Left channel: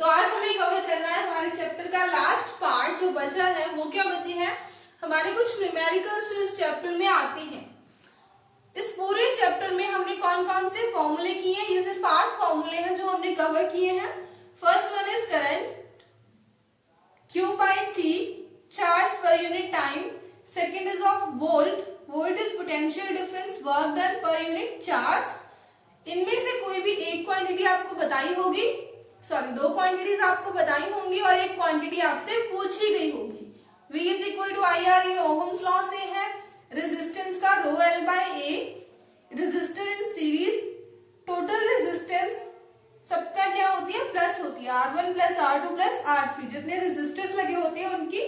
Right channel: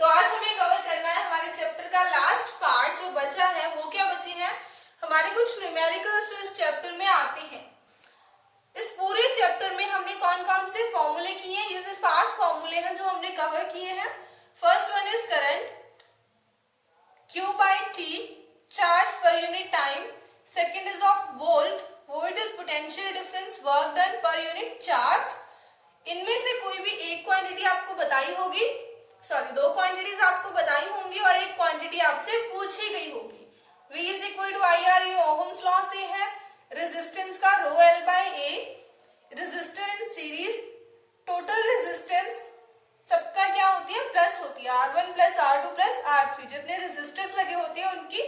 तो आज हमें कवर करना है हमारे चैप्टर का लास्ट पार्ट। जो बचा है वो क्या बची है, हमारे कुछ न्यूमेरिकल्स जो इस चैप्टर में आते हैं। इस पूरे चैप्टर में हमने कौन कौन से फॉर्मूले किए, ये सिर्फ 8 फॉर्मूले हैं जो हमने कवर किए हैं। First one is current Q by T, charge per unit time. Second is of volt, volt is potential difference work done per unit charge. इनमें से कोई भी एक क्वांटिटी आपको बताई होगी, सॉरी 2 क्वांटिटीज आपको बताई होंगी और एक क्वांटिटी आपसे पूछी गई होगी। V is equal to I R, ये ओहम्स लॉ से है। रेजिस्टेंस का rho L by A, resistor in series, total resistance सबका क्या होती है, प्लस होती है, R1 plus R2 plus R3। जितने रेजिस्टर्स लगे होते हैं उनकी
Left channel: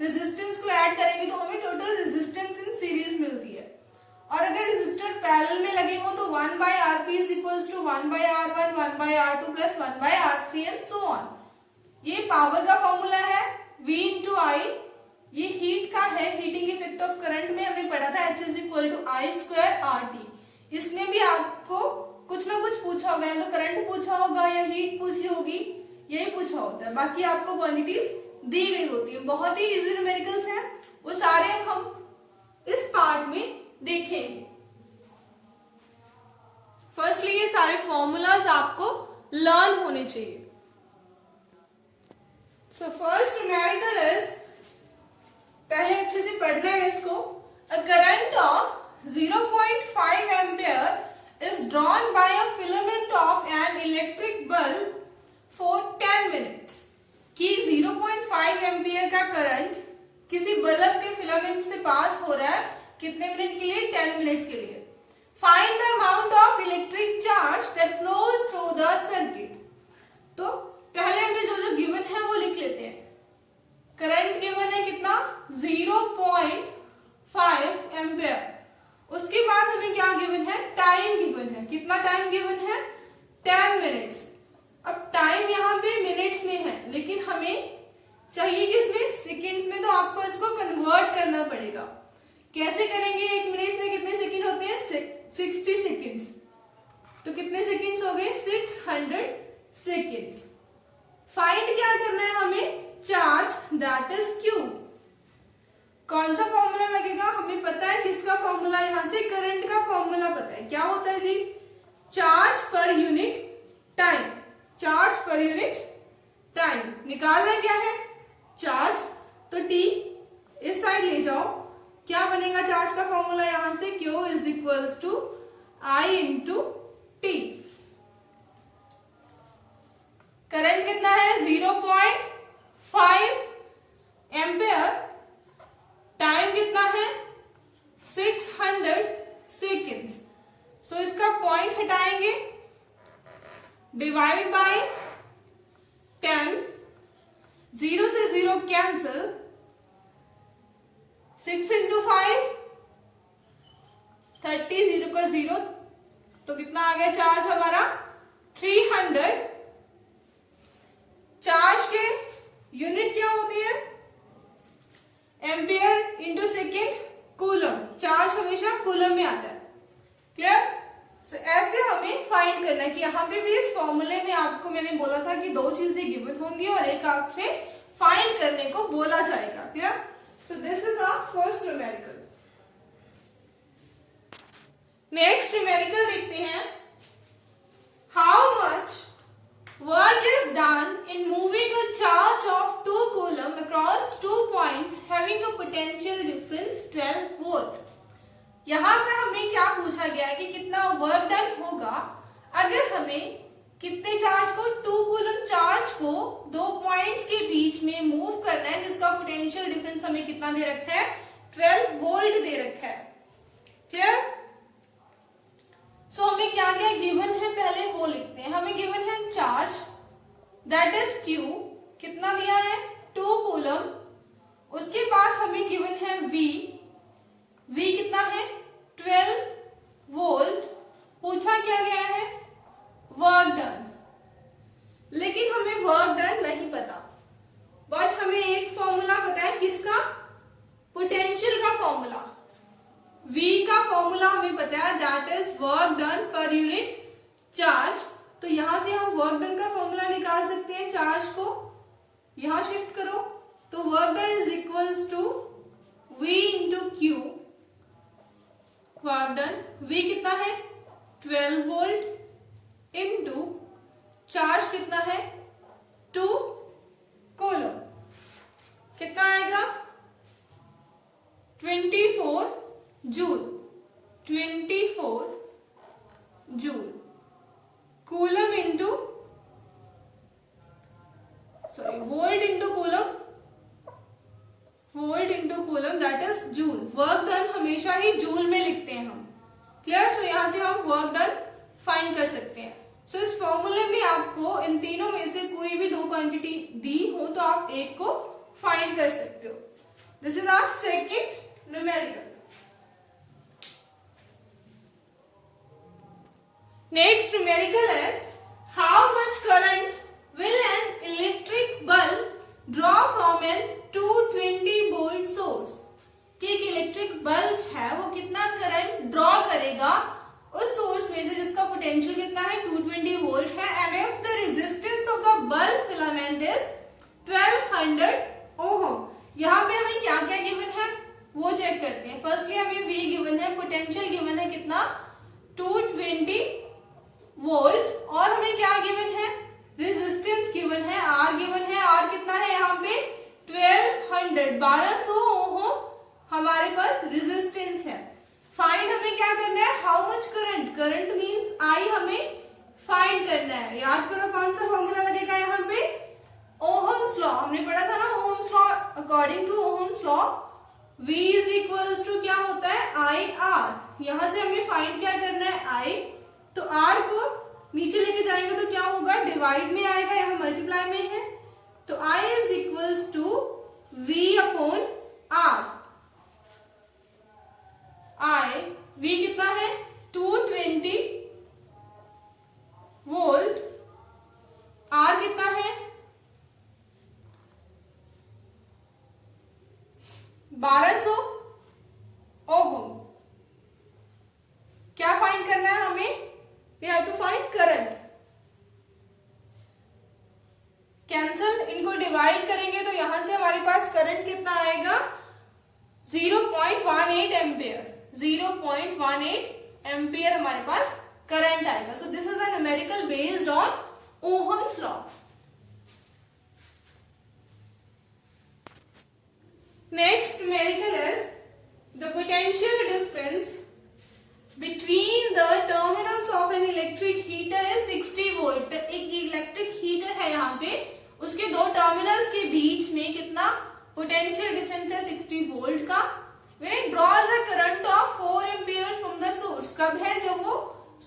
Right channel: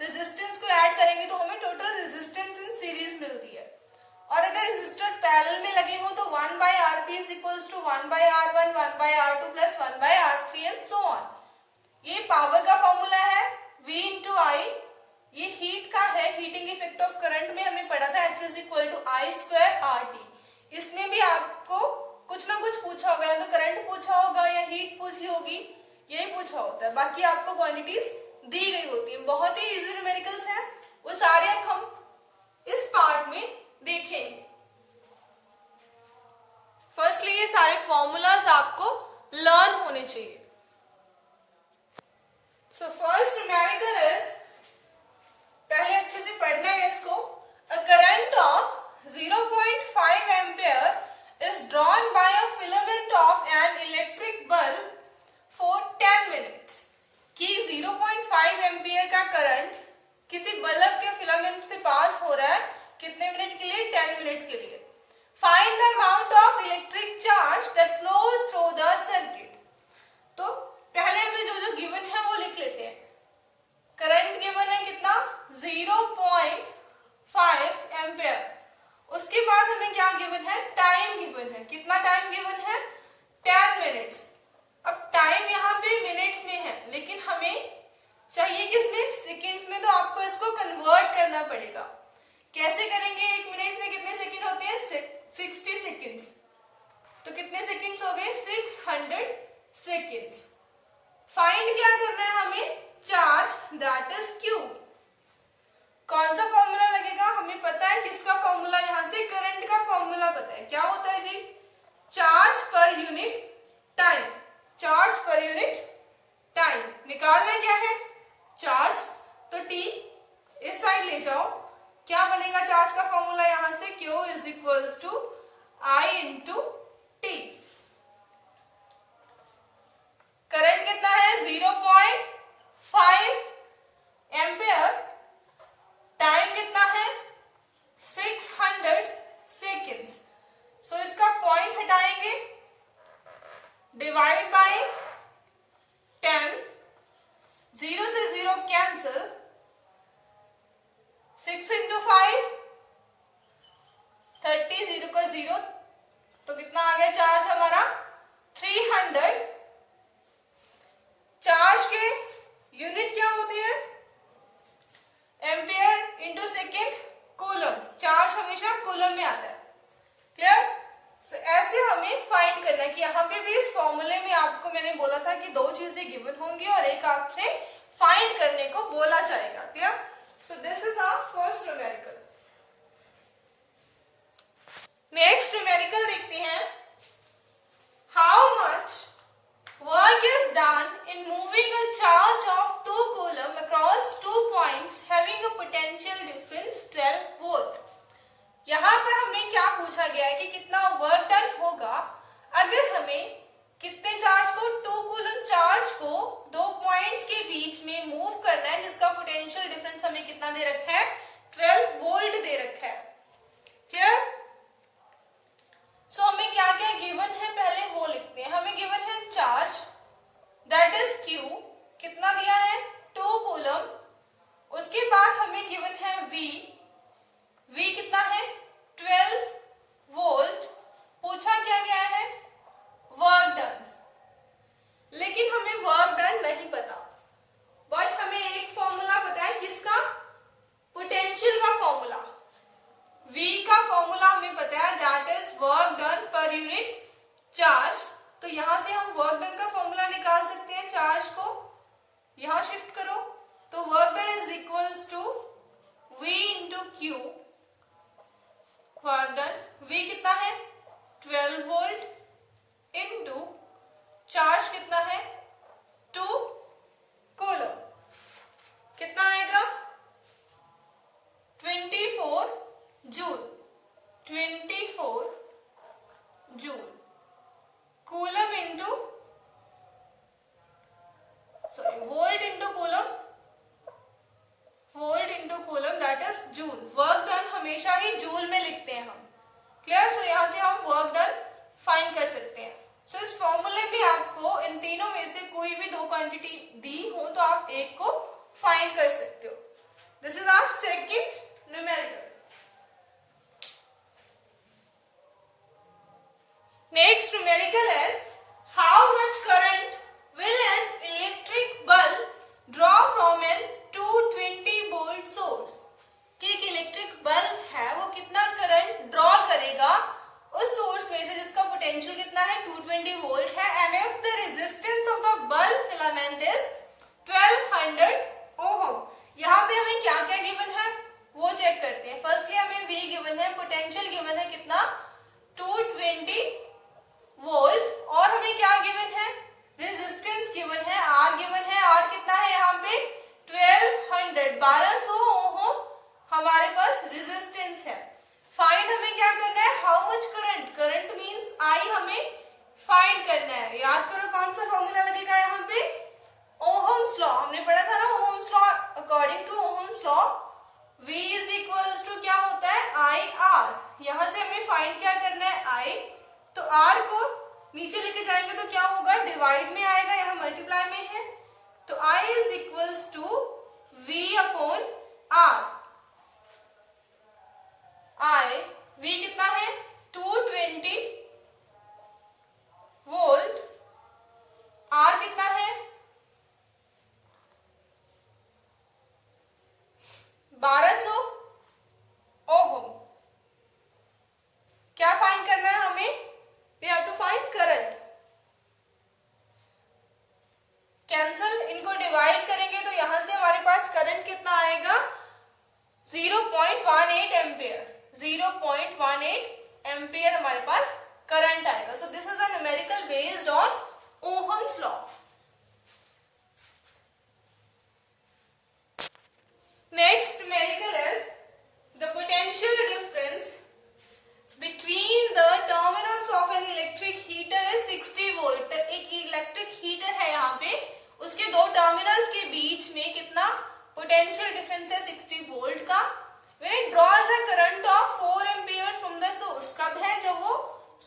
रेजिस्टेंस को ऐड करेंगे तो हमें टोटल रेजिस्टेंस इन सीरीज मिलती है। और अगर रेजिस्टर पैरेलल में लगे हो तो 1 by Rp is equals to 1 by R1, 1 by R2 plus 1 by R3 and so on. ये पावर का फॉर्मूला है V इंटू आई। ये हीट का है, हीटिंग इफेक्ट ऑफ करंट में हमने पढ़ा था H is equal to I square RT। इसने भी आपको कुछ ना कुछ पूछा होगा, या तो करंट पूछा होगा या हीट पूछी होगी, यही पूछा होता है। बाकी आपको क्वांटिटीज दी गई होती है। बहुत ही इजी न्यूमेरिकल्स हैं, वो सारे हम इस पार्ट में देखेंगे। फर्स्टली ये सारे फॉर्मूलाज आपको लर्न होने चाहिए। सो फर्स्ट न्यूमेरिकल इज, पहले अच्छे से पढ़ना है इसको। A current of 0.5 ampere is drawn by a filament of an electric bulb for 10 minutes। कि 0.5 एम्पियर का करंट किसी बल्ब के फिलामेंट से पास हो रहा है, कितने मिनट के लिए, 10 मिनट्स के लिए। Find the amount of electric charge that flows through the circuit. तो पहले हमें जो गिवन है वो लिख लेते हैं। करंट गिवन है कितना, 0.5 एम्पियर। उसके बाद हमें क्या गिवन है, टाइम गिवन है। कितना टाइम गिवन है, 10 मिनट्स। अब टाइम यहाँ पे मिनट्स में है, लेकिन हमें चाहिए किसमें, सेकेंड्स में। तो आपको इसको कन्वर्ट करना पड़ेगा। कैसे करेंगे, 1 मिनट में कितने सेकेंड होते हैं, 60 सेकेंड्स। तो कितने सेकेंड्स हो गए, 600 सेकेंड्स। फाइंड क्या करना है हमें, चार्ज दैट इज Q। कौन सा फॉर्मूला लगेगा, हमें पता है किसका फॉर्मूला, यहां से करंट का फॉर्मूला पता है। क्या होता है जी, charge per unit time. Charge per unit time निकालना क्या है, चार्ज। तो T इस साइड ले जाओ, क्या बनेगा चार्ज का फॉर्मूला, यहां से Q is equals to I into T। Current कितना है, 0.5 एम्पियर। टाइम कितना है, 600 सेकेंड्स। सो इसका पॉइंट हटाएंगे, डिवाइड बाय 10, 0 से 0 कैंसिल, 6 इंटू 5 30, 0 का 0, तो कितना आ गया चार्ज हमारा, 300। चार्ज के यूनिट क्या होती है, ampere into second coulomb. Charge हमेशा कूलम में आता है। क्लियर। सो ऐसे हमें फाइंड करना है कि यहाँ पे भी इस फॉर्मूले में आपको मैंने बोला था कि 2 चीजें गिवन होंगी और एक आपसे फाइंड करने को बोला जाएगा। Clear. So this is our first numerical. Next numerical देखते हैं। How much work is done in moving a charge of 2 coulomb across 2 points having a potential difference 12 volt। यहाँ पर हमने क्या पूछा गया है कि कितना वर्क डन होगा अगर हमें कितने चार्ज को, 2 कूलम चार्ज को 2 पॉइंट्स के बीच में मूव करना है, जिसका पोटेंशियल डिफरेंस हमें कितना दे रखा है, 12 वोल्ट दे रखा है। क्लियर। सो हमें क्या क्या गिवन है, पहले वो लिखते हैं। हमें गिवन है चार्ज दैट इज Q, कितना दिया है, 2 कूलम। उसके बाद हमें गिवन है V, V कितना है, 12 वोल्ट। पूछा क्या गया है, वर्क डन। लेकिन हमें वर्क डन नहीं पता, बट हमें एक फॉर्मूला पता है, किसका, पोटेंशियल का फॉर्मूला। V का फॉर्मूला हमें पता है, that is work done per unit charge. तो तो यहां से हम वर्क डन का फॉर्मूला निकाल सकते हैं। चार्ज को यहां शिफ्ट करो तो work done is equals to V into Q. Work done V कितना है 12 वोल्ट इंटू चार्ज कितना है 2 कूलम, कितना आएगा 24 joule. 24 joule coulomb into volt into coulomb, volt into coulomb that is joule. Work done हमेशा ही joule में लिखते हैं हम। क्लियर? सो यहां से हम वर्क डन फाइंड कर सकते हैं। सो इस फॉर्मूले में आपको इन तीनों में से कोई भी दो क्वांटिटी दी हो तो आप एक को फाइंड कर सकते हो। This is our second numerical. Next numerical is how much current will an electric bulb draw from an 220 volt source? कि एक इलेक्ट्रिक बल्ब है वो कितना करंट ड्रॉ करेगा उस सोर्स में से जिसका पोटेंशियल कितना है 220 वोल्ट है, and if the resistance of the bulb filament is 1200 ohm. यहाँ पे हमें क्या क्या गिवन है वो चेक करते हैं। फर्स्टली हमें V गिवन है, पोटेंशियल गिवन है कितना 220 वोल्ट, और हमें क्या गिवन है रेजिस्टेंस गिवन है, R गिवन है। R कितना है यहाँ पे 1200 ओम हमारे पास रेजिस्टेंस है। फाइंड हमें क्या करना है how much current, current means I हमें फाइंड करना है। याद करो कौन सा फॉर्मूला लगेगा यहाँ पे ओहम्स लॉ, हमने पढ़ा था ना Ohm's law. According to Ohm's law V is equals to क्या होता है IR। यहां से हमें फाइंड क्या करना है I, तो R को नीचे लेके जाएंगे तो क्या होगा डिवाइड में आएगा, यहाँ मल्टीप्लाई में है, तो I is equals to V upon R। I V कितना है 220 वोल्ट, R कितना है 1200 ओम। क्या फाइंड करना है हमें, we have to find current। Cancel, इनको डिवाइड करेंगे तो यहां से हमारे पास करंट कितना आएगा 0.18 एम्पियर। 0.18 एम्पियर हमारे पास करंट आएगा। So this is a numerical based on Ohm's law. Next numerical is the potential difference between the terminals of an electric heater is 60 volt। एक इलेक्ट्रिक हीटर है यहाँ पे, उसके दो टर्मिनल्स के बीच में कितना पोटेंशियल डिफरेंस है 60 वोल्ट का। when it draws a current of 4 amperes from the source, कब है जब वो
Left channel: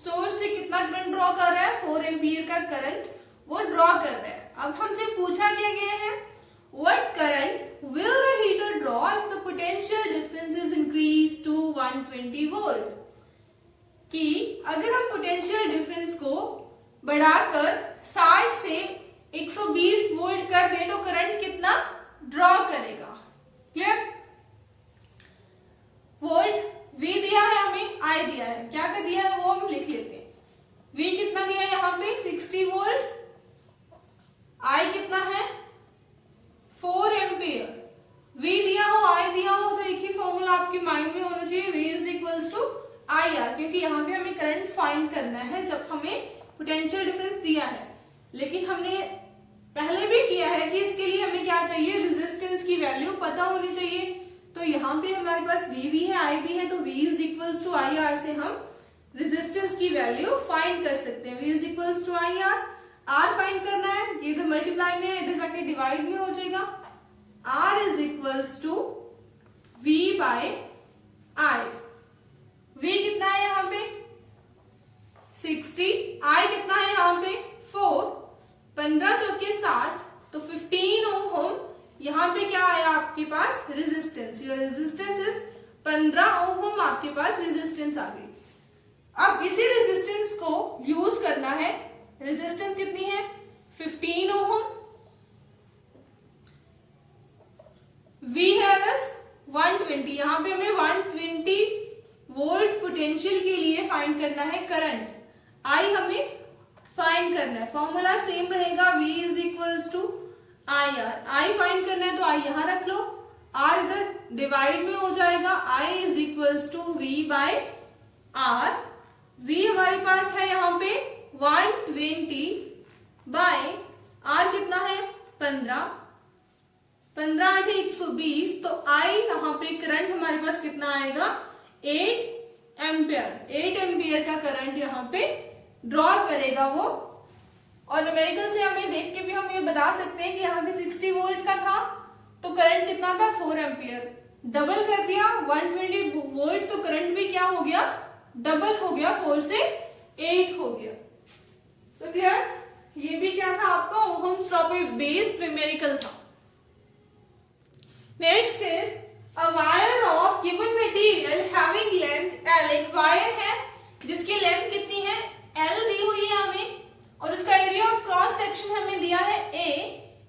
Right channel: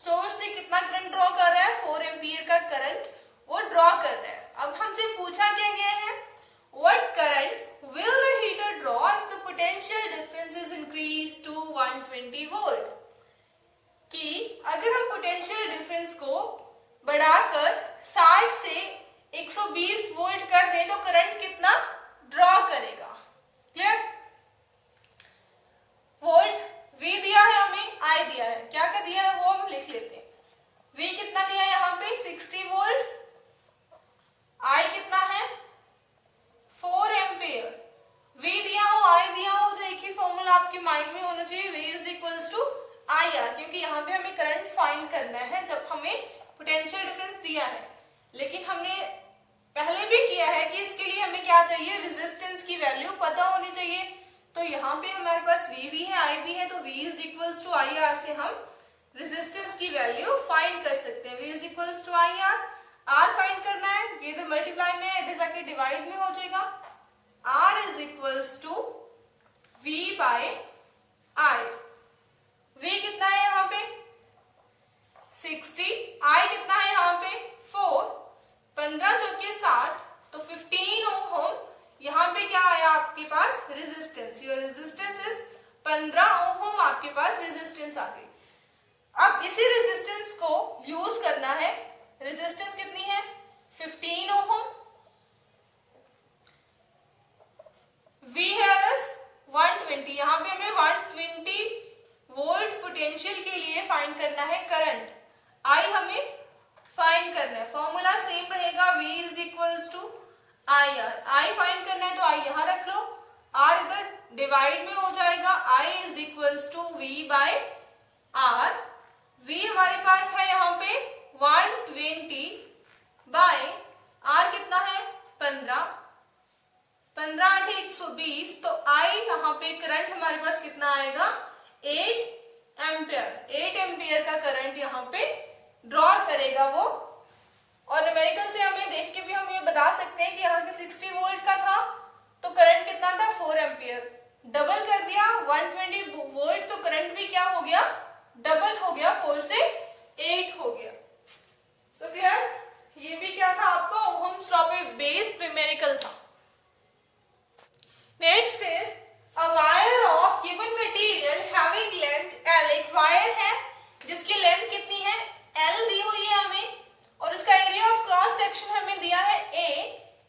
सोर्स से कितना करंट ड्रॉ कर रहा है 4 एम्पियर का करंट वो ड्रॉ कर रहा है। अब हमसे पूछा क्या गया है what current will the heater draw if the potential difference is increased to 120 volt? कि अगर हम पोटेंशियल डिफरेंस को बढ़ाकर 60 से 120 वोल्ट कर दें तो करंट कितना ड्रॉ करेगा। क्लियर? वोल्ट V दिया है हमें, I दिया है, क्या क्या दिया है वो हम लिख लेते हैं। V कितना दिया है यहाँ पे 60 वोल्ट, I कितना है 4 एम्पियर। V दिया हो I दिया हो तो एक ही फॉर्मूला आपके माइंड में होना चाहिए, V is equals to IR, क्योंकि यहाँ पे हमें करंट फाइंड करना है जब हमें पोटेंशियल डिफरेंस दिया है। लेकिन हमने पहले भी किया है कि इसके लिए हमें क्या चाहिए रेजिस्टेंस की वैल्यू पता होनी चाहिए। तो यहाँ पे हमारे पास V भी है I भी है, तो V is equals to IR से हम रेजिस्टेंस की वैल्यू फाइंड कर सकते हैं। V is equals to IR, R find करना है, ये इधर मल्टीप्लाई में है, इधर जाके डिवाइड में हो जाएगा। R is equals to V by I। V कितना है यहाँ पे 60, I कितना है यहाँ पे 4, 15 चौके 60, तो 15 ओम यहाँ पे क्या आया आपके पास रेजिस्टेंस। योर रेजिस्टेंस इज 15 ओम, आपके पास रेजिस्टेंस आ गई। अब इसी रेजिस्टेंस को यूज करना है। रेजिस्टेंस कितनी है 15 ओम, V है बस 120, यहाँ पे हमें 120 वोल्ट पोटेंशियल के लिए फाइंड करना है करंट। I हमें फाइंड फाइंड करना है, फॉर्मूला सेम रहेगा, V is equals to I R. I find करना है तो आई यहां रख लो, आर इधर डिवाइड में हो जाएगा, I is equals to V by R. V हमारे पास है यहाँ पे 120 बाय आर कितना है 15, 15 8 120, तो आई यहाँ पे करंट हमारे पास कितना आएगा 8 एम्पियर। 8 एम्पियर का करंट यहाँ पे ड्रॉ करेगा वो। और न्यूमेरिकल से हमें देख के भी हम ये बता सकते हैं कि यहाँ पे 60 वोल्ट का था तो करंट कितना था 4 एम्पियर। डबल कर दिया 120 वोल्ट तो करंट भी क्या हो गया डबल हो गया, 4 से 8 हो गया। सो क्लियर, ये भी क्या था आपका ओहम्स लॉ पे बेस्ड न्यूमेरिकल था। Next is a wire of given material having length L। एक वायर है जिसकी लेंथ कितनी है L दी हुई है हमें, और उसका एरिया ऑफ क्रॉस सेक्शन हमें दिया है A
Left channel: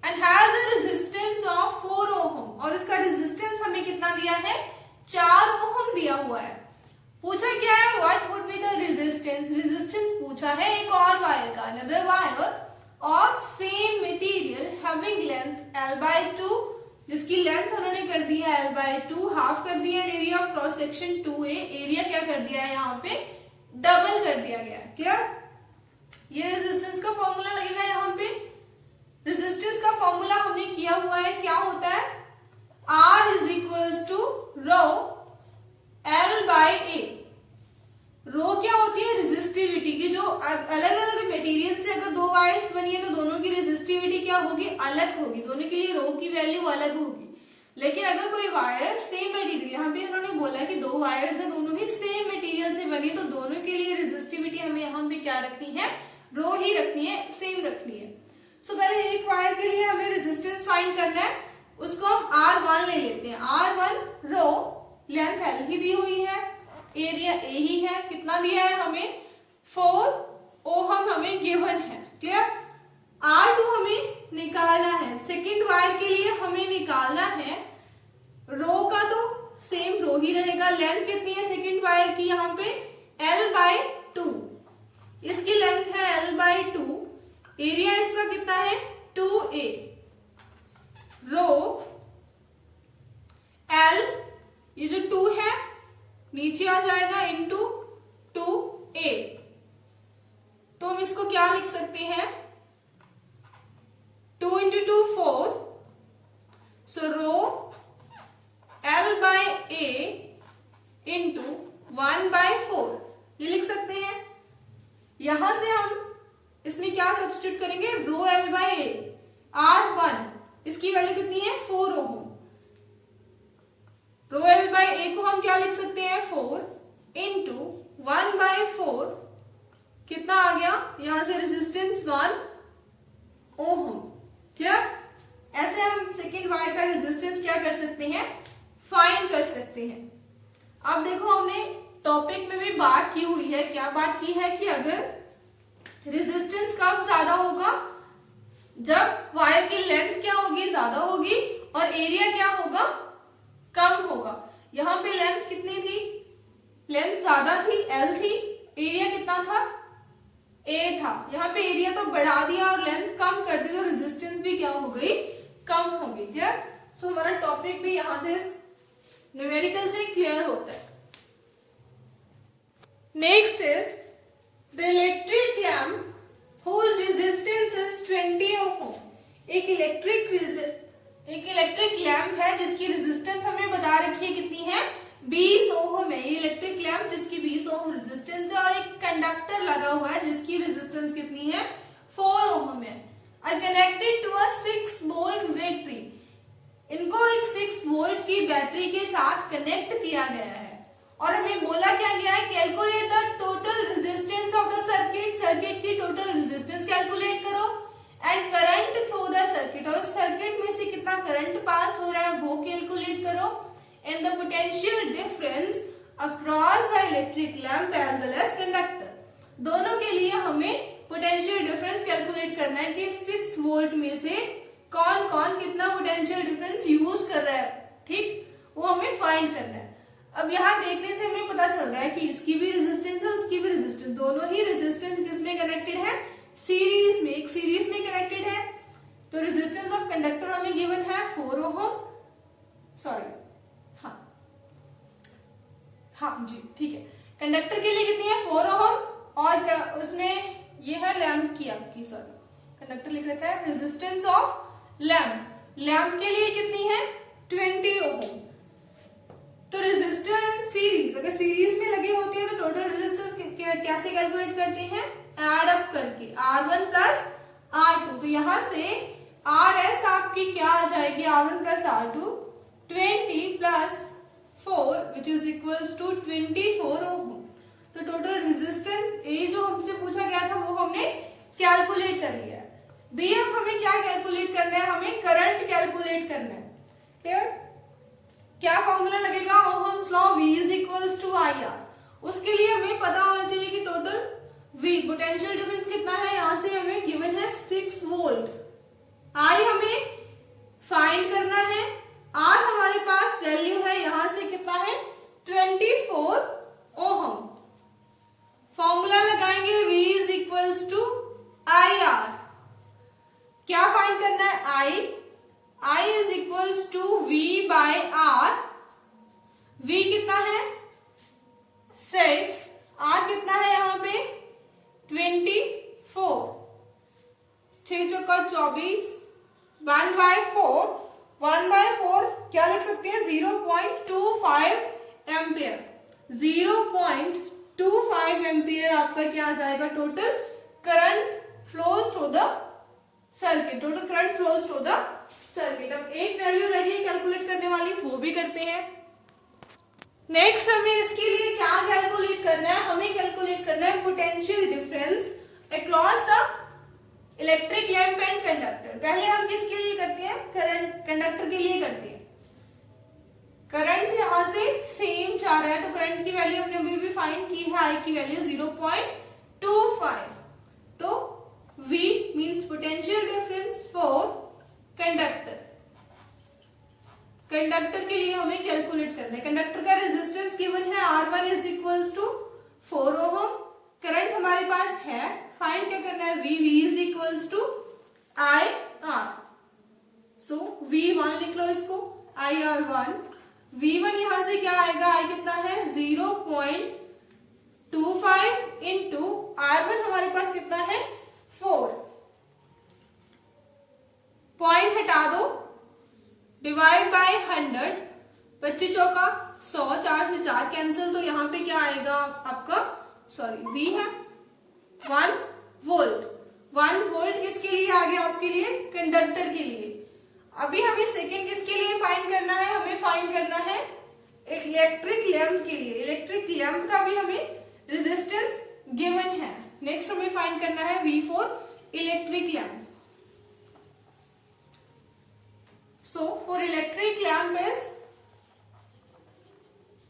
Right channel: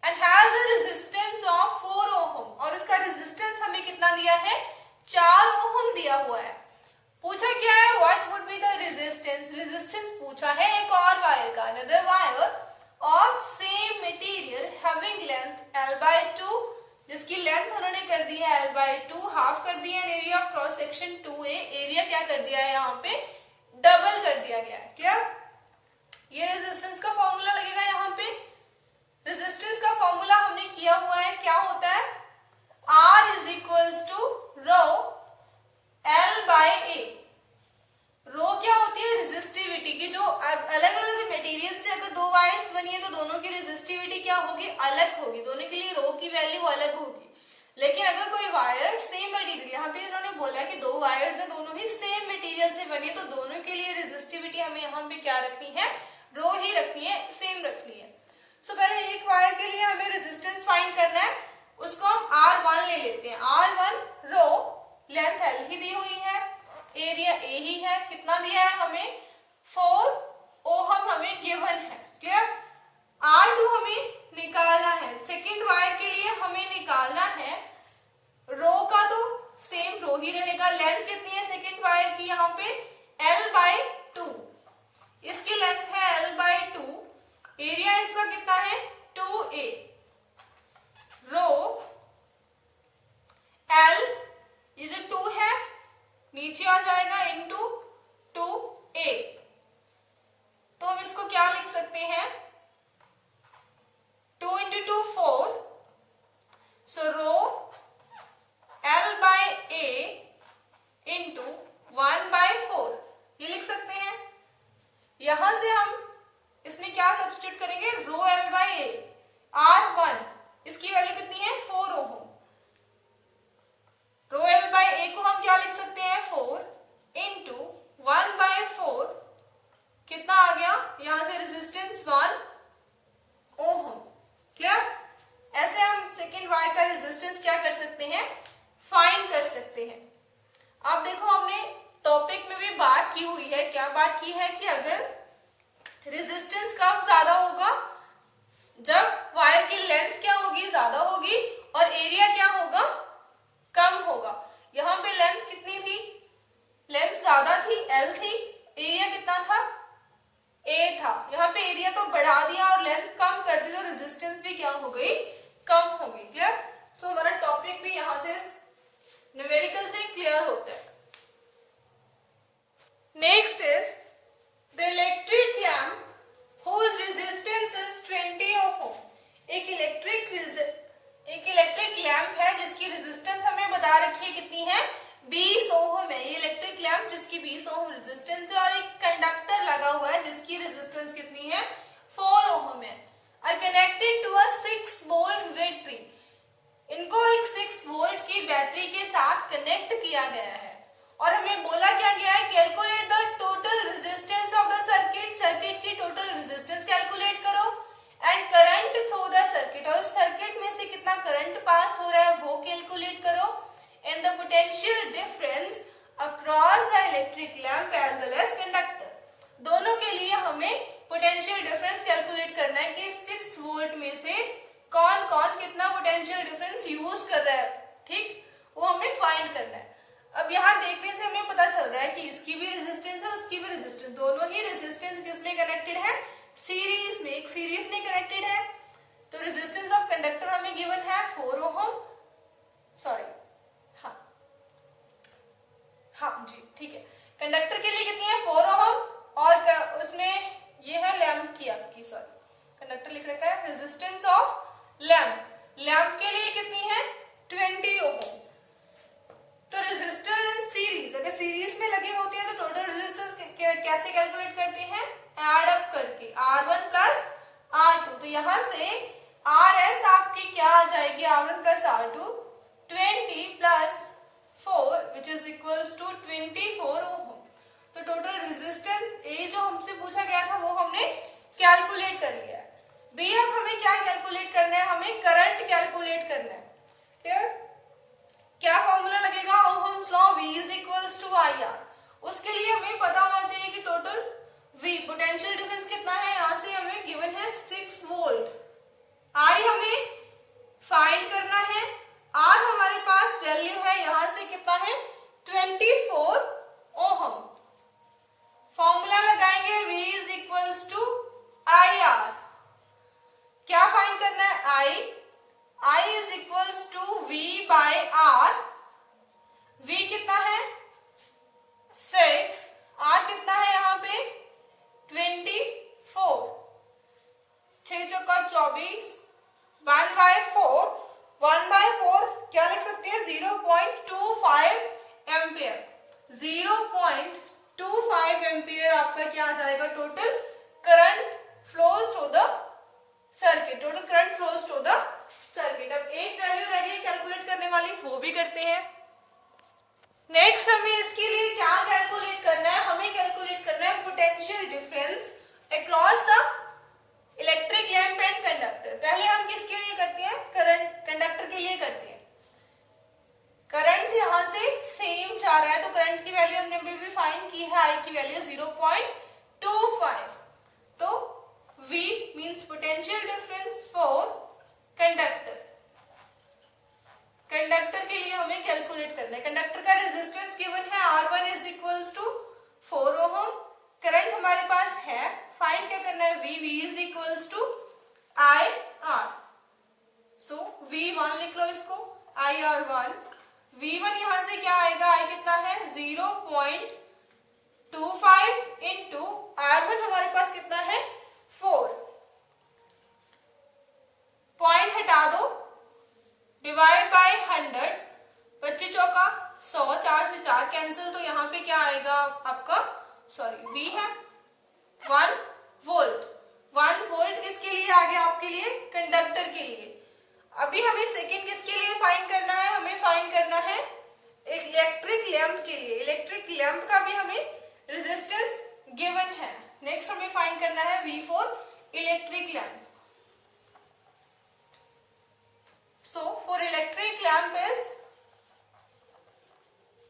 and has a resistance of 4 ohm, और उसका रेजिस्टेंस हमें कितना दिया है 4 ओहम दिया हुआ है। पूछा क्या है what would be the resistance, resistance पूछा है एक और वायर का, another wire of same material having length L by 2, जिसकी लेंथ उन्होंने कर दी है L बाय 2, हाफ कर दिया है, area of cross section 2A, area क्या कर दिया है यहाँ पे डबल कर दिया गया है। क्लियर, ये रेजिस्टेंस का फॉर्मूला लगेगा यहाँ पे। रेजिस्टेंस का फॉर्मूला हमने किया हुआ है, क्या होता है R is equals to rho L by A। Rho क्या होती है रेजिस्टिविटी की, जो अलग अलग मटेरियल से अगर दो वायर्स बनी है तो दोनों की रेजिस्टिविटी क्या होगी अलग होगी, दोनों के लिए रो की वैल्यू अलग होगी। लेकिन अगर कोई वायर सेम मटेरियल, यहाँ पे उन्होंने बोला कि दो वायर्स है दोनों ही सेम मटेरियल से बनी, तो दोनों के लिए रेजिस्टिविटी हमें यहाँ पे क्या रखनी है रो ही रखनी है, सेम रखनी है। सो पहले एक वायर के लिए हमें रेजिस्टेंस फाइंड करना है, उसको हम R1 ले लेते हैं। R1 रो, लेंथ L ही दी हुई है, एरिया A ही है, कितना दिया है हमें 4 ओहम हमें गिवन है। क्लियर, R2 हमें निकालना है, सेकेंड वायर के लिए हमें निकालना है, रो का तो सेम रो ही रहेगा, लेंथ कितनी है सेकेंड वायर की यहाँ पे L बाय 2, इसकी लेंथ है L बाय 2, एरिया इसका कितना है 2A, रो L ये जो 2 है नीचे आ जाएगा इंटू 2A, तो हम इसको क्या लिख सकते हैं 2 into 2 4, so rho L by A into 1 by 4 ये लिख सकते हैं। यहां से हम इसमें क्या सब्स्टिट्यूट करेंगे रो L बाय A, R1 इसकी वैल्यू कितनी है 4 ohm, rho L by A को हम क्या लिख सकते हैं 4 इंटू 1 बाय 4, कितना आ गया यहां से रेजिस्टेंस 1 ओहम। क्लियर, ऐसे हम सेकेंड वायर का रेजिस्टेंस क्या कर सकते हैं फाइंड कर सकते हैं। अब देखो हमने टॉपिक में भी बात की हुई है, क्या बात की है कि अगर रेजिस्टेंस कब ज्यादा होगा जब वायर की लेंथ क्या होगी ज्यादा होगी और एरिया क्या होगा कम होगा। यहाँ पे लेंथ कितनी थी, लेंथ ज्यादा थी L थी, एरिया कितना था A था, यहाँ पे एरिया तो बढ़ा दिया और लेंथ कम कर दी तो रेजिस्टेंस भी क्या हो गई कम हो गई। क्लियर, सो हमारा टॉपिक भी यहाँ से न्यूमेरिकल से क्लियर होता है। Next is the electric lamp whose resistance is 20 ohm। एक इलेक्ट्रिक लैम्प है जिसकी रेजिस्टेंस हमें बता रखी है कितनी है 20 ओहम है। ये इलेक्ट्रिक लैम्प जिसकी 20 ओहम रेजिस्टेंस है और एक कंडक्टर लगा हुआ है जिसकी रेजिस्टेंस कितनी है 4 ओहम है। Connected to a 6 volt battery, इनको एक 6 वोल्ट की बैटरी के साथ कनेक्ट किया गया है और हमें बोला क्या गया है calculate the total resistance of the circuit, circuit की टोटल रेजिस्टेंस कैलकुलेट करो and current through the circuit, और सर्किट में से कितना करंट पास हो रहा है वो कैलकुलेट करो and the potential difference across the electric lamp as well as conductor. दोनों के लिए हमें पोटेंशियल डिफरेंस कैलकुलेट करना है कि 6 वोल्ट में से कौन कौन कितना पोटेंशियल डिफरेंस यूज कर रहा है, ठीक, वो हमें फाइंड करना है। अब यहाँ देखने से हमें पता चल रहा है कि इसकी भी रेजिस्टेंस है उसकी भी रेजिस्टेंस, दोनों ही रेजिस्टेंस किसमें कनेक्टेड है सीरीज में, एक सीरीज में कनेक्टेड है। तो रेजिस्टेंस ऑफ कंडक्टर हमें गिवन है 4 ओम, सॉरी हाँ जी ठीक है, कंडक्टर के लिए कितनी है 4 ओम और उसमें ये है लैंप की आपकी, सॉरी कंडक्टर लिख रखा है, रेजिस्टेंस ऑफ लैंप, लैंप के लिए कितनी है 20 ओम। तो रेजिस्टर इन सीरीज, अगर सीरीज में लगे होते हैं तो टोटल रेजिस्टेंस कैसे कैलकुलेट करते हैं, एड अप करके R1 प्लस R2। तो यहां से RS आपकी क्या आ जाएगी, R1 plus R2 20 plus 4 which is equals to 24 ohm. तो टोटल रेजिस्टेंस ए जो हमसे पूछा गया था वो हमने कैलकुलेट कर लिया है। बी अब हमें क्या कैलकुलेट करना है, हमें करंट कैलकुलेट करना है। क्लियर, क्या फॉर्मूला लगेगा, ohm's law V is equals to IR। उसके लिए हमें पता होना चाहिए कि टोटल V पोटेंशियल डिफरेंस कितना है, यहां से हमें गिवन है 6 वोल्ट, I हमें फाइंड करना है, R हमारे पास वैल्यू है यहां से कितना है 24 ओहम। फॉर्मूला लगाएंगे V is equals to IR। क्या फाइंड करना है, I is equals to V by R। V कितना है 6, R कितना है यहाँ पे 24, 6 चौका 24, 1/4, 1/4 क्या लिख सकते हैं 0.25 एम्पियर, 0.25 एम्पियर आपका क्या आ जाएगा, total current flows through the circuit, total current flows through the circuit. अब एक वैल्यू रह गई कैलकुलेट करने वाली, वो भी करते हैं। नेक्स्ट हमें इसके लिए क्या कैलकुलेट करना है, हमें कैलकुलेट करना है potential difference across the electric lamp and conductor. पहले हम किसके लिए करते हैं, करंट कंडक्टर के लिए करते हैं। करंट यहां से सेम जा रहा है तो करंट की वैल्यू हमने अभी भी फाइंड की है, आई की वैल्यू 0.25। तो V means potential difference for conductor, conductor के लिए हमें कैलकुलेट करना है। कंडक्टर का रेजिस्टेंस गिवन है R1 is equals to 4 ohm, current हमारे पास है, फाइंड क्या करना है V is equals to IR। So V1 लिख लो इसको, IR1, V1 यहां से क्या आएगा, I कितना है 0.25 इंटू R1 हमारे पास कितना है 4, पॉइंट हटा दो, डिवाइड बाय 100, 25 चौका 100, 4 से 4 कैंसिल, तो यहाँ पे क्या आएगा आपका, सॉरी V है 1 वोल्ट। 1 वोल्ट किसके लिए आ गया आपके लिए, कंडक्टर के लिए। अभी हमें सेकंड किसके लिए फाइंड करना है, हमें फाइंड करना है इलेक्ट्रिक लैंप के लिए। इलेक्ट्रिक लैंप का भी हमें रेजिस्टेंस गिवन है। नेक्स्ट हमें फाइंड करना है V for electric lamp. So for electric lamp is,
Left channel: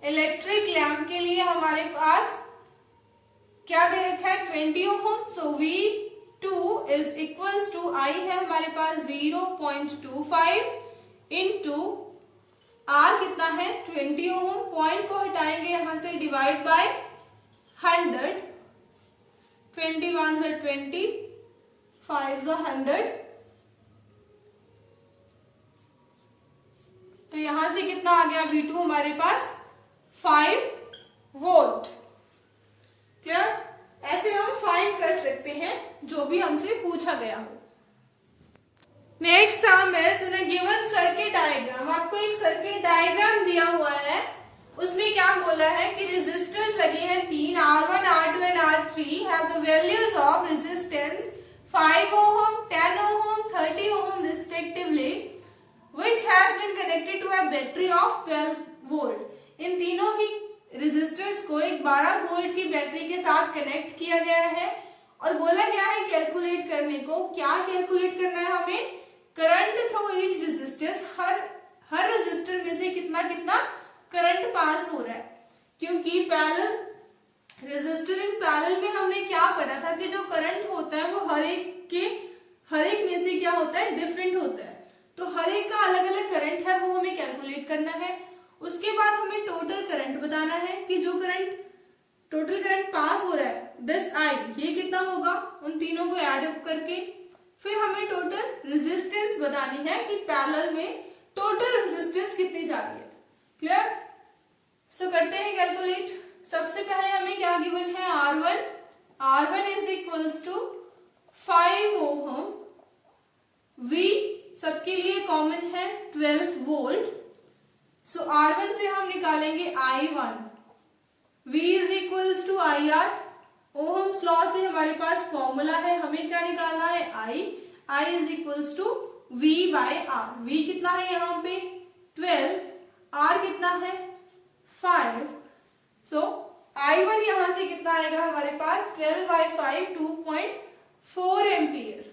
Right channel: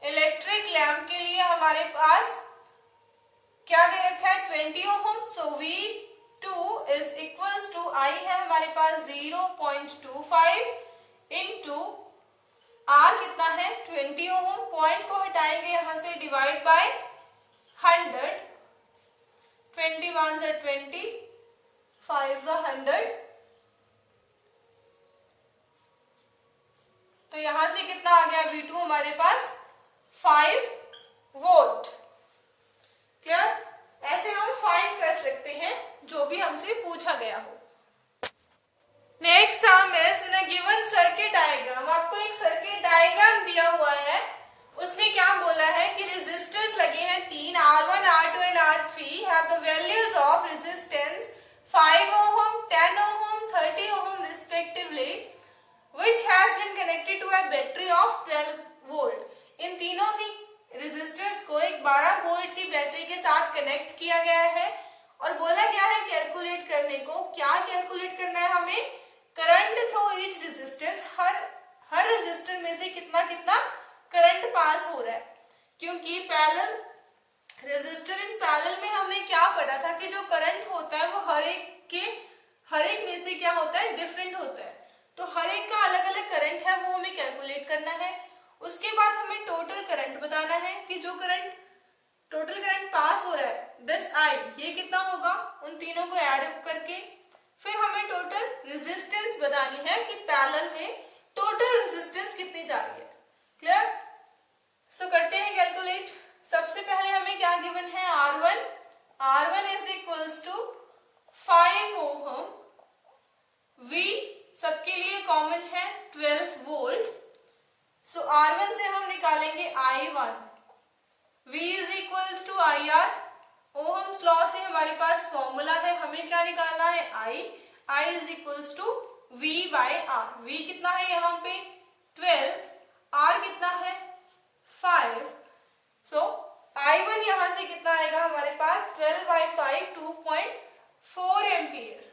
electric lamp के लिए हमारे पास क्या दे रखा है 20 ohm. So V2 is equals to I है हमारे पास 0.25 इंटू R कितना है 20 ओम, पॉइंट को हटाएंगे यहां से, डिवाइड बाय 100, 21 20, 5 100, तो यहां से कितना आ गया V2 हमारे पास 5 वोल्ट। क्लियर, ऐसे हम फाइंड कर सकते हैं जो भी हमसे पूछा गया हो। Next sum is given circuit diagram. आपको एक सर्किट डायग्राम दिया हुआ है, उसमें क्या बोला है कि रेजिस्टर्स लगे हैं 3, R1, R2 and R3 have the values of resistance 5 ohm, 10 ohm, 30 ohm respectively, which has been connected to a battery of 12 volt. इन तीनों ही रेजिस्टर्स को एक 12 वोल्ट की बैटरी के साथ कनेक्ट किया गया है और बोला गया है कैलकुलेट करने को। क्या कैलकुलेट करना है हमें, करंट थ्रू ईच रेजिस्टेंस, हर रेजिस्टर में से कितना कितना करंट पास हो रहा है। क्योंकि पैरेलल रेजिस्टर इन पैरेलल में हमने क्या पढ़ा था कि जो करंट होता है वो हर एक में से क्या होता है, डिफरेंट होता है। तो हर एक का अलग अलग करंट है, वो हमें कैलकुलेट करना है। उसके बाद हमें टोटल करंट बताना है कि जो करंट टोटल करंट पास हो रहा है 10I, ये कितना होगा उन तीनों को ऐड अप करके। फिर हमें टोटल रेजिस्टेंस बतानी है कि पैरेलल में टोटल रेजिस्टेंस कितनी जा रही है। क्लियर? सो करते हैं कैलकुलेट। सबसे पहले हमें क्या गिवन है, R1 is equals to 5 ohm, V सबके लिए कॉमन है 12 वोल्ट। सो R1 से हम निकालेंगे I1, V is equals to IR। Ohm's law से हमारे पास फॉर्मूला है, हमें क्या निकालना है, I is equals to V by R। V कितना है यहाँ पे 12, R कितना है 5। सो I1 यहां से कितना आएगा हमारे पास 12 by 5, 2.4 ampere,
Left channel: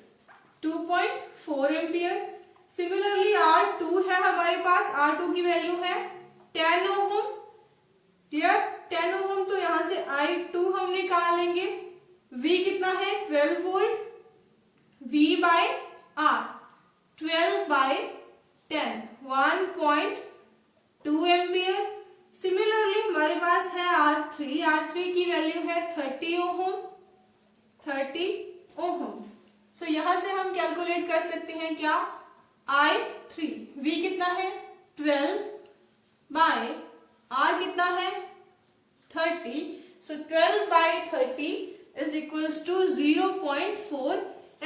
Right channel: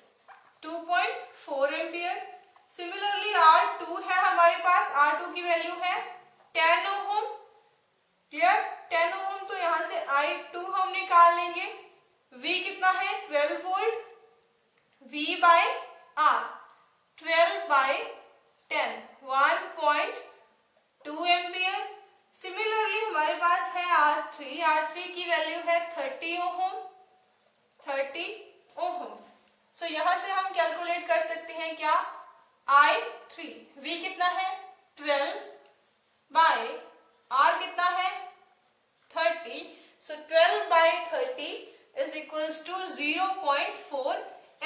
2.4 ampere. Similarly R2 है हमारे पास, R2 की वैल्यू है 10 ओम। क्लियर? 10 ओम, तो यहां से I2 हम निकाल लेंगे। V कितना है 12 volt, V by R 12 by 10, 1.2 ampere. Similarly हमारे पास है R3 की वैल्यू है 30 ओम। सो यहां से हम कैलकुलेट कर सकते हैं क्या, I3, V कितना है 12 बाय R कितना है 30। So 12 by 30 is equals to 0.4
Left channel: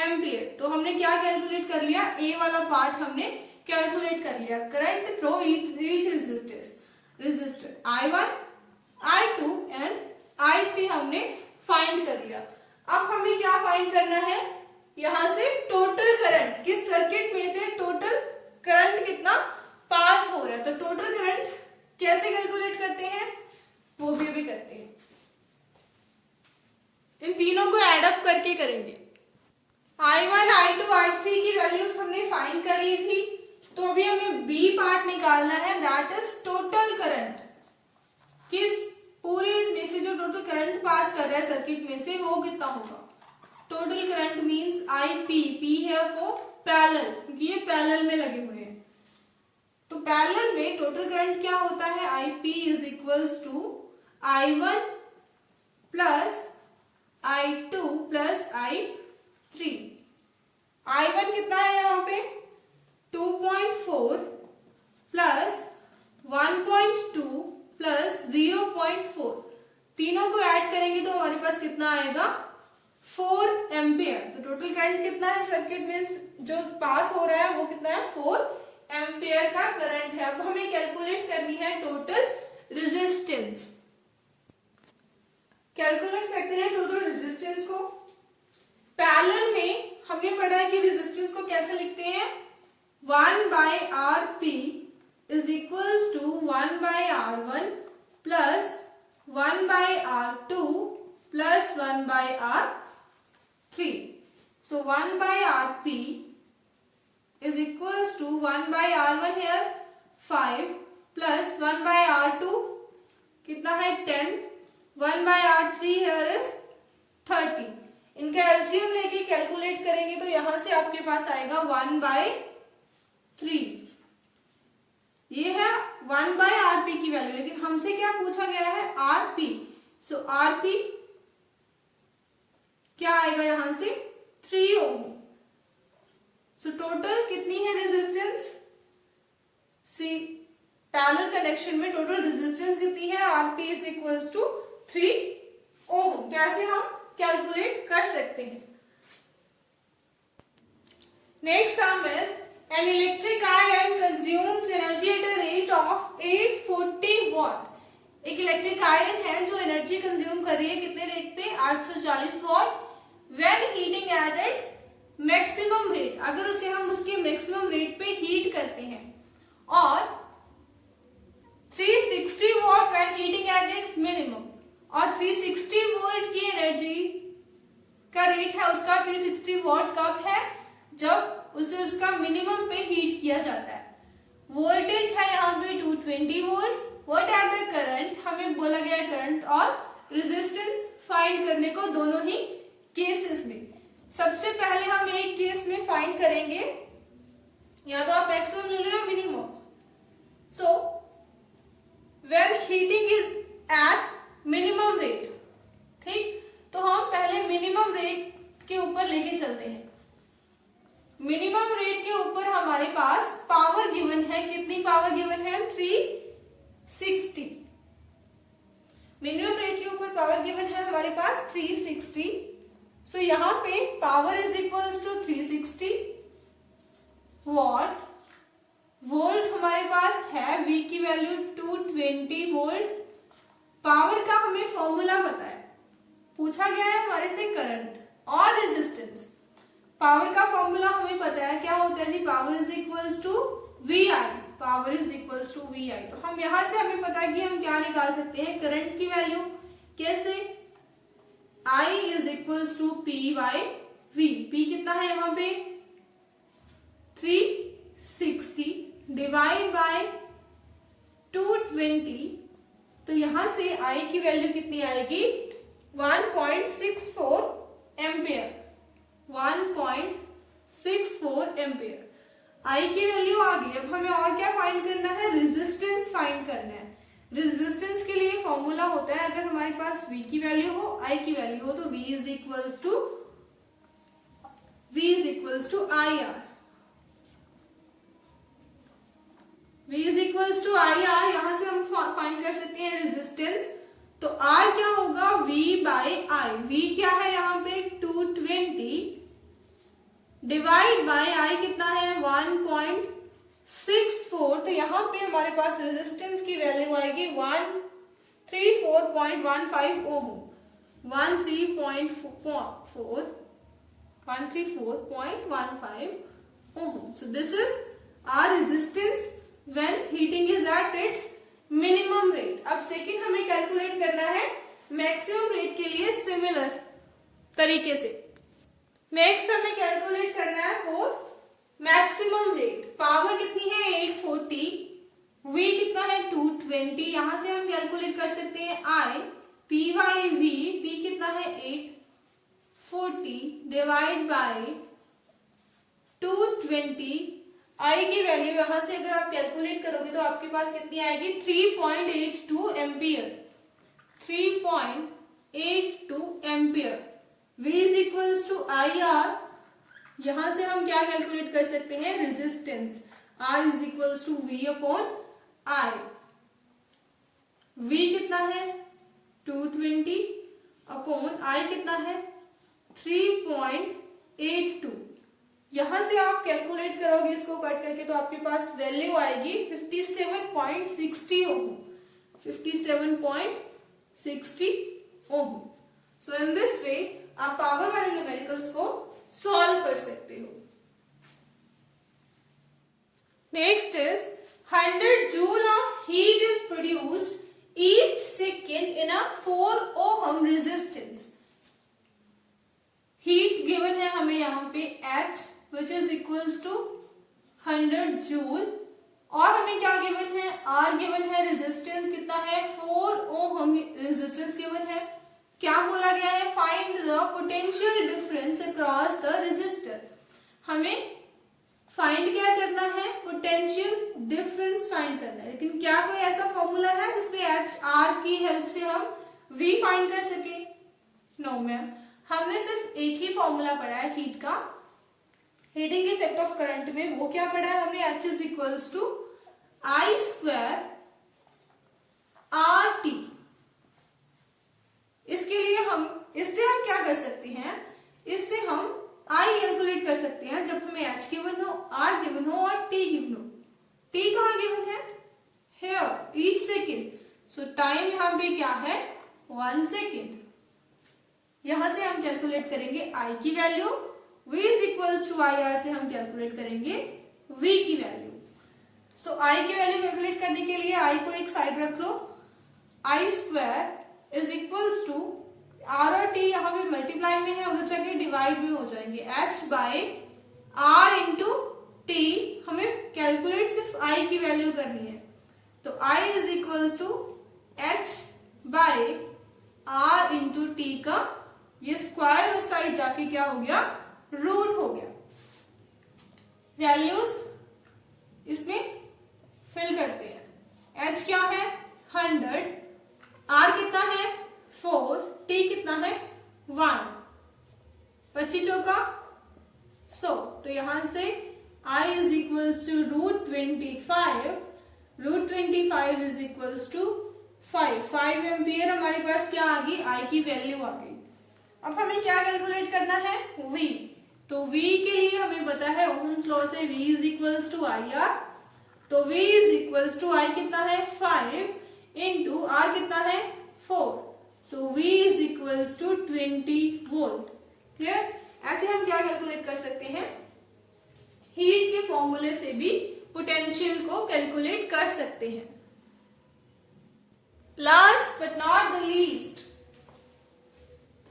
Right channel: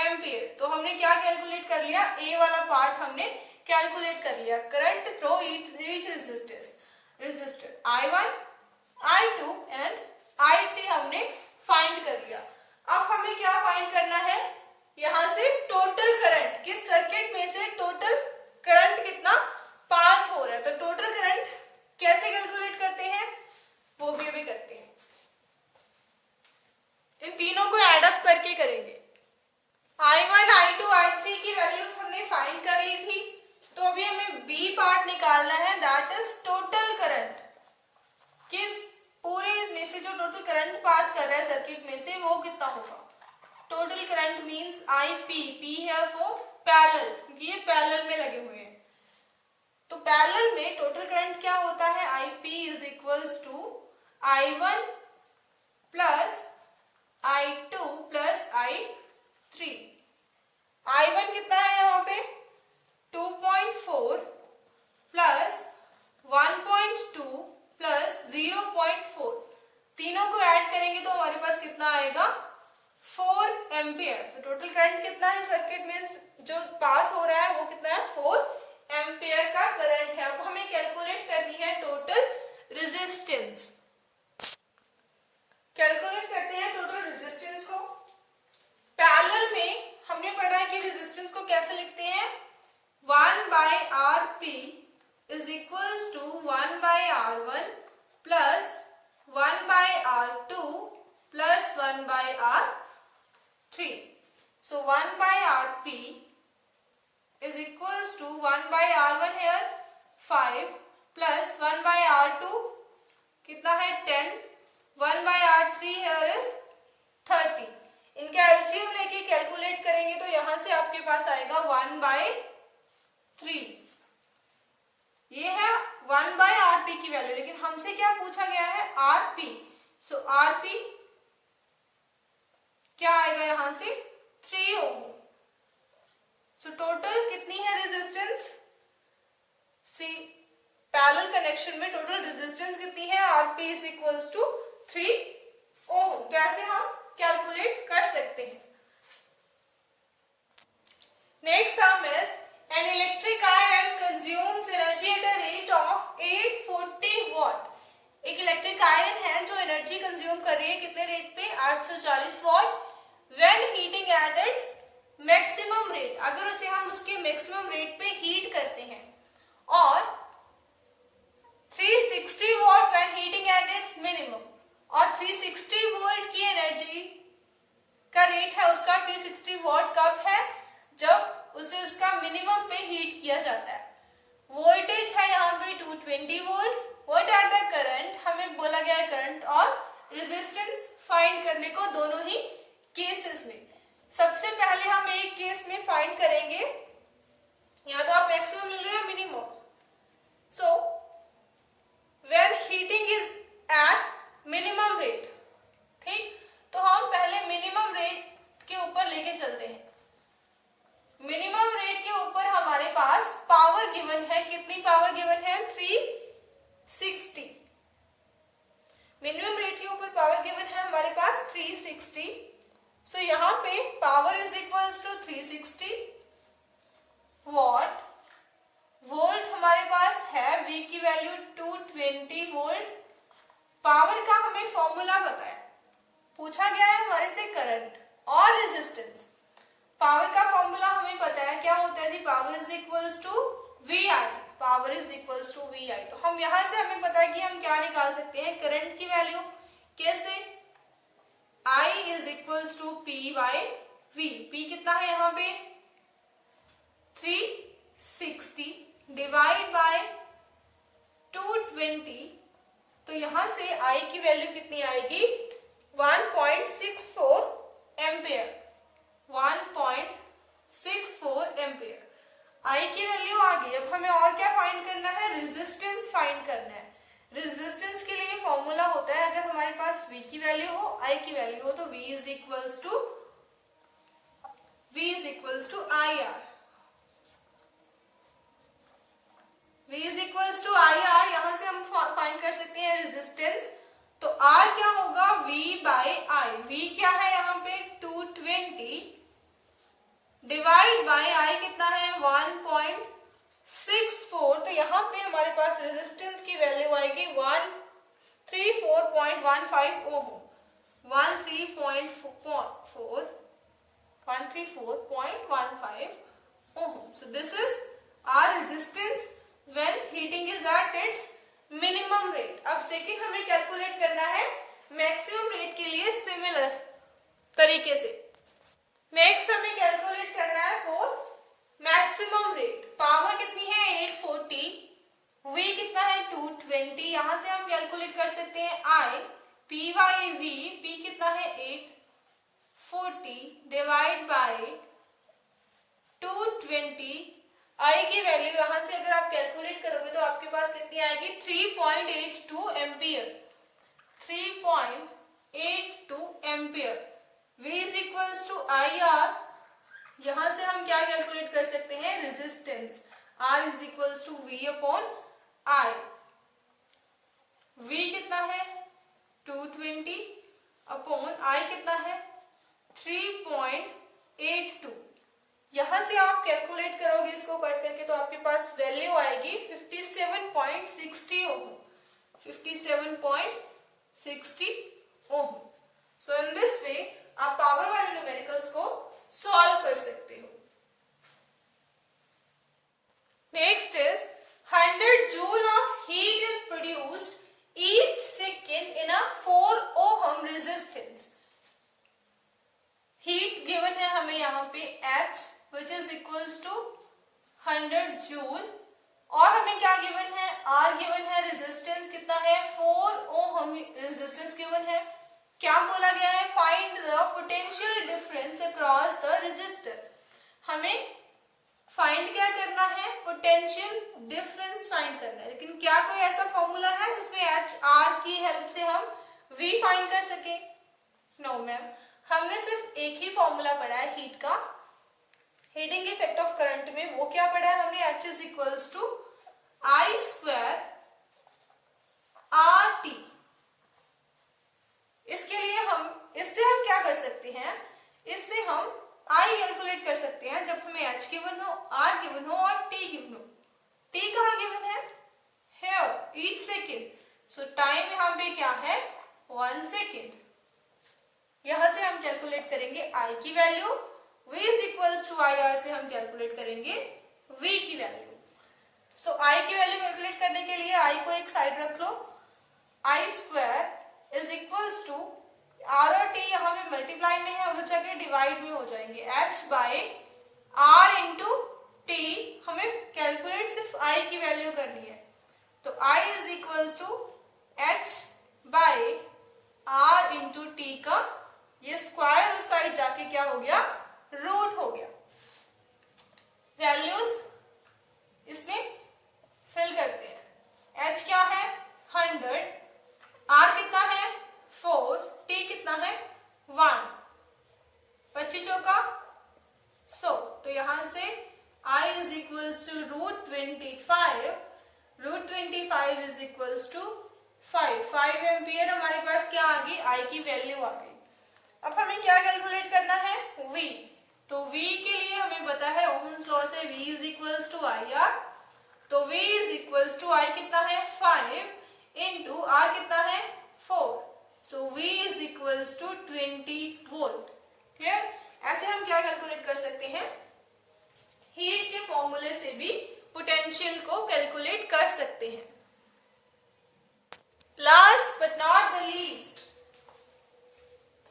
ampere. तो हमने क्या कैलकुलेट कर लिया, ए वाला पार्ट हमने कैलकुलेट कर लिया, current through each resistor I1, I2 and I3 हमने फाइंड कर लिया। अब हमें क्या फाइंड करना है, यहां से टोटल करंट, किस सर्किट में से टोटल करंट कितना पास हो रहा है। तो टोटल करंट कैसे कैलकुलेट करते हैं वो भी अभी करते हैं, इन तीनों को एड अप करके करेंगे। I1, I2, I3 की वैल्यूज हमने फाइंड कर ली थी, तो अभी हमें बी पार्ट निकालना है, दैट इज टोटल करंट। किस पूरे में से जो टोटल करंट पास कर रहा है सर्किट में से वो कितना होगा। Total current means IP, P है वो पैरेलल, क्योंकि ये पैरेलल में लगे हुए हैं। तो पैरेलल में टोटल करंट क्या होता है, IP is equals to I1 plus I2 plus I3। I1 कितना है यहाँ पे 2.4 प्लस 1.2 प्लस 0.4, तीनों को ऐड करेंगे तो हमारे पास कितना आएगा 4 एम्पियर। तो टोटल करंट कितना है सर्किट में जो पास हो रहा है वो कितना है 4 एम्पियर का करंट है। अब हमें कैलकुलेट करनी है टोटल रेजिस्टेंस। कैलकुलेट करते हैं टोटल रेजिस्टेंस को। पैरेलल में हमने पढ़ा है कि रेजिस्टेंस को कैसे लिखते हैं, 1 by RP is equals to 1 by R1 plus 1 by R2 plus 1 by R3। So 1 by RP is equals to 1 by R1 here 5 plus 1 by R2 कितना है 10, 1 बाय R3 here is 30। इनका एलसीएम लेके calculate करेंगे तो यहां से आपके पास आएगा 1 बाय 3। ये है 1 बाय RP की वैल्यू, लेकिन हमसे क्या पूछा गया है RP। सो RP क्या आएगा यहां से 3 ओम। सो टोटल कितनी है रेजिस्टेंस, सी पैरेलल कनेक्शन में टोटल रेजिस्टेंस कितनी है, RP इज इक्वल्स टू 3 ओम। कैसे हम कैलकुलेट कर सकते हैं। Next sum is an electric iron consumes energy at a rate of 840 watt। एक इलेक्ट्रिक आयरन है जो एनर्जी कंज्यूम कर रही है कितने रेट पे 840 what. When heating at its maximum rate, अगर उसे हम उसके मैक्सिमम रेट पे हीट करते हैं, और 360 what when heating at its minimum, और 360 वोल्ट की एनर्जी का रेट है उसका 360 वॉट कब है, जब उसे उसका मिनिमम पे हीट किया जाता है। वोल्टेज है यहाँ पे 220 volt. What are the current, हमें बोला गया है करंट और रेजिस्टेंस फाइंड करने को दोनों ही केसेस में। सबसे पहले हम एक केस में फाइंड करेंगे, या तो आप मैक्सिमम ले लो या minimum. So when heating is at minimum rate, ठीक, तो हम पहले मिनिमम रेट के ऊपर लेके चलते हैं। मिनिमम रेट के ऊपर हमारे पास पावर गिवन है, कितनी पावर गिवन है? 360। मिनिमम रेट के ऊपर पावर गिवन है हमारे पास 360। सो यहाँ पे power is equals to 360 watt. Volt हमारे पास है, V की वैल्यू 220 वोल्ट। पावर का हमें फॉर्मूला पता है, पूछा गया है हमारे से करंट और रेजिस्टेंस। पावर का फॉर्मूला हमें पता है, क्या होता है जी? Power is equals to VI। Power is equals to VI। तो हम यहां से हमें पता है कि हम क्या निकाल सकते हैं? करंट की वैल्यू। कैसे? I is equals to P by V। P कितना है यहाँ पे? 360 डिवाइड बाय 220। तो यहां से I की वैल्यू कितनी आएगी? 1.64 एम्पियर। 1.64 एम्पियर I की वैल्यू आ गई। अब हमें और क्या फाइंड करना है? रेजिस्टेंस फाइंड करना है। रेजिस्टेंस के लिए फॉर्मूला होता है, अगर हमारे पास V की वैल्यू हो, I की वैल्यू हो, तो V is equals to IR। V is equals to IR। यहां से हम फाइंड कर सकते हैं रेजिस्टेंस। तो R क्या होगा? V by I। V क्या है यहाँ पे? 220 डिवाइड बाय I कितना है? 1.64। तो यहाँ पे हमारे पास रेजिस्टेंस की वैल्यू आएगी 134.15 ओम। 134.15 ohm. So this is our resistance when heating is at its minimum rate. अब सेकेंड हमें कैलकुलेट करना है मैक्सिमम रेट के लिए सिमिलर तरीके से। नेक्स्ट हमें कैलकुलेट करना है फॉर मैक्सिमम रेट। पावर कितनी है? 840। V कितना है? 220। यहां से हम कैलकुलेट कर सकते हैं I P by V। P कितना है? 840 डिवाइड बाय 220। I की वैल्यू यहां से अगर आप कैलकुलेट करोगे तो आपके पास कितनी आएगी? 3.82 ampere. 3.82 ampere. V is equals to IR। यहां से हम क्या कैलकुलेट कर सकते हैं? Resistance. R is equals to V upon I। V कितना है? 220 अपॉन I कितना है? 3.82। यहां से आप कैलकुलेट करोगे इसको कट करके तो आपके पास वैल्यू आएगी 57.60 ओम। 57.60 ओम। सो इन दिस वे आप पावर वाले न्यूमेरिकल्स को सॉल्व कर सकते हो। Next is 100 joule of heat is produced each second in a 4 ohm resistance. Heat given है हमें यहाँ पे H which is equals to 100 joule, और हमें क्या गिवन है? R गिवन है। रेजिस्टेंस कितना है? 4 ओहम रेजिस्टेंस गिवन है। क्या बोला गया है? Find the potential difference across the resistor. हमें फाइंड क्या करना है? पोटेंशियल डिफरेंस फाइंड करना है। लेकिन क्या कोई ऐसा फॉर्मूला है जिसमें H R की हेल्प से हम V फाइंड कर सके? नो मैम, हमने सिर्फ एक ही फॉर्मूला पढ़ा है हीट का, हीटिंग इफेक्ट ऑफ करंट में। वो क्या पढ़ा है हमने? H is equals to I square RT। इसके लिए इससे हम क्या कर सकते हैं? इससे हम I कैलकुलेट कर सकते हैं जब हमें H गिवन हो, R गिवन हो और T गिवन हो। T कहाँ गिवन है? Here, each second। So time यहाँ पे क्या है? 1 सेकेंड। यहां से हम कैलकुलेट करेंगे I की value. V is equals to IR से हम कैलकुलेट करेंगे V की वैल्यू। सो I की वैल्यू कैलकुलेट करने के लिए I को एक साइड रख लो। I square is equals to R और T यहाँ पे मल्टीप्लाई में है, उधर जाके डिवाइड में हो जाएंगे। H by R into T। हमें कैलकुलेट सिर्फ I की वैल्यू करनी है, तो I is equals to H by R into T का ये स्क्वायर उस साइड जाके क्या हो गया? रूट हो गया। वैल्यूज इसमें फिल करते हैं। H क्या है? 100, R कितना है? 4, T कितना यहां से I is equals to √25, √25 is equals to 5 ampere हमारे पास क्या आ गई, I की वैल्यू आ गई। अब हमें क्या कैलकुलेट करना है, V। तो V के लिए हमें पता है ओहम्स लॉ से V is equals to IR। तो V is equals to I कितना है 5 इंटू R कितना है 4। So V is equals to 20 volt. Clear? ऐसे हम क्या कैलकुलेट कर सकते हैं, हीट के फॉर्मूले से भी पोटेंशियल को कैलकुलेट कर सकते हैं। Last but not the least,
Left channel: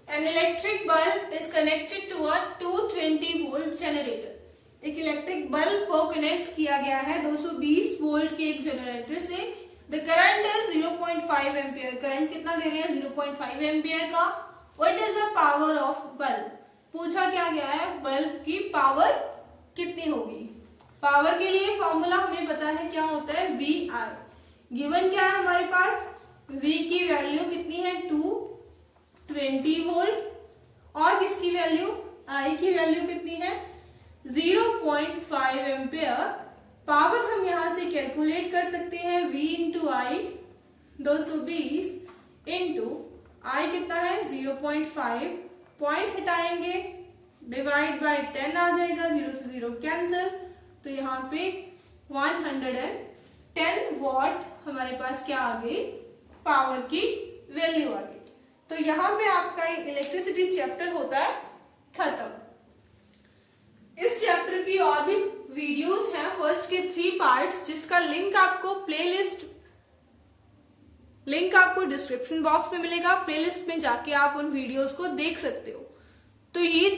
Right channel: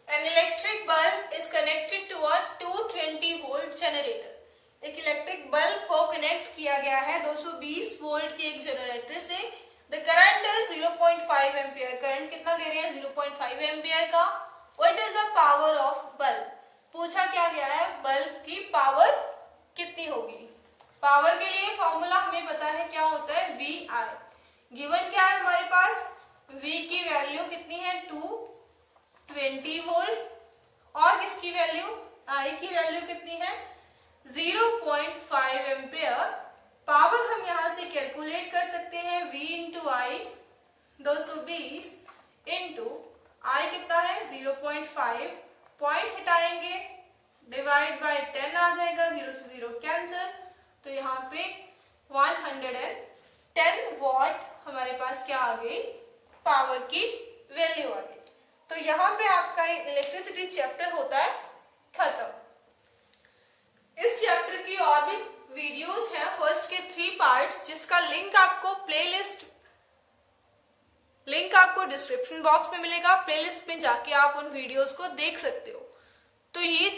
an electric bulb is connected to a 220 volt generator. एक इलेक्ट्रिक बल्ब को कनेक्ट किया गया है 220 वोल्ट के एक जनरेटर से। The current is 0.5 ampere. Current कितना दे रहे हैं, 0.5 एम्पियर का। What is the power of bulb? पूछा क्या गया है, बल्ब की पावर कितनी होगी। पावर के लिए फॉर्मूला हमें पता है क्या होता है, VI। गिवन क्या है हमारे पास, V की वैल्यू कितनी है 220 वोल्ट और किसकी वैल्यू, I की वैल्यू कितनी है 0.5 एम्पियर। पावर हम यहां से कैलकुलेट कर सकते हैं V into I, 220 into I कितना है 0.5, पॉइंट हटाएंगे, डिवाइड बाय 10 आ जाएगा, 0 से 0 कैंसिल। तो यहाँ पे 110 वॉट हमारे पास क्या आ गई, पावर की वैल्यू आ गई। तो यहाँ पे आपका इलेक्ट्रिसिटी चैप्टर होता है खत्म। इस चैप्टर की और भी वीडियोस हैं, फर्स्ट के 3 पार्ट्स, जिसका लिंक आपको लिंक आपको डिस्क्रिप्शन बॉक्स में मिलेगा। प्लेलिस्ट में जाके आप उन वीडियोस को देख सकते हो। तो ये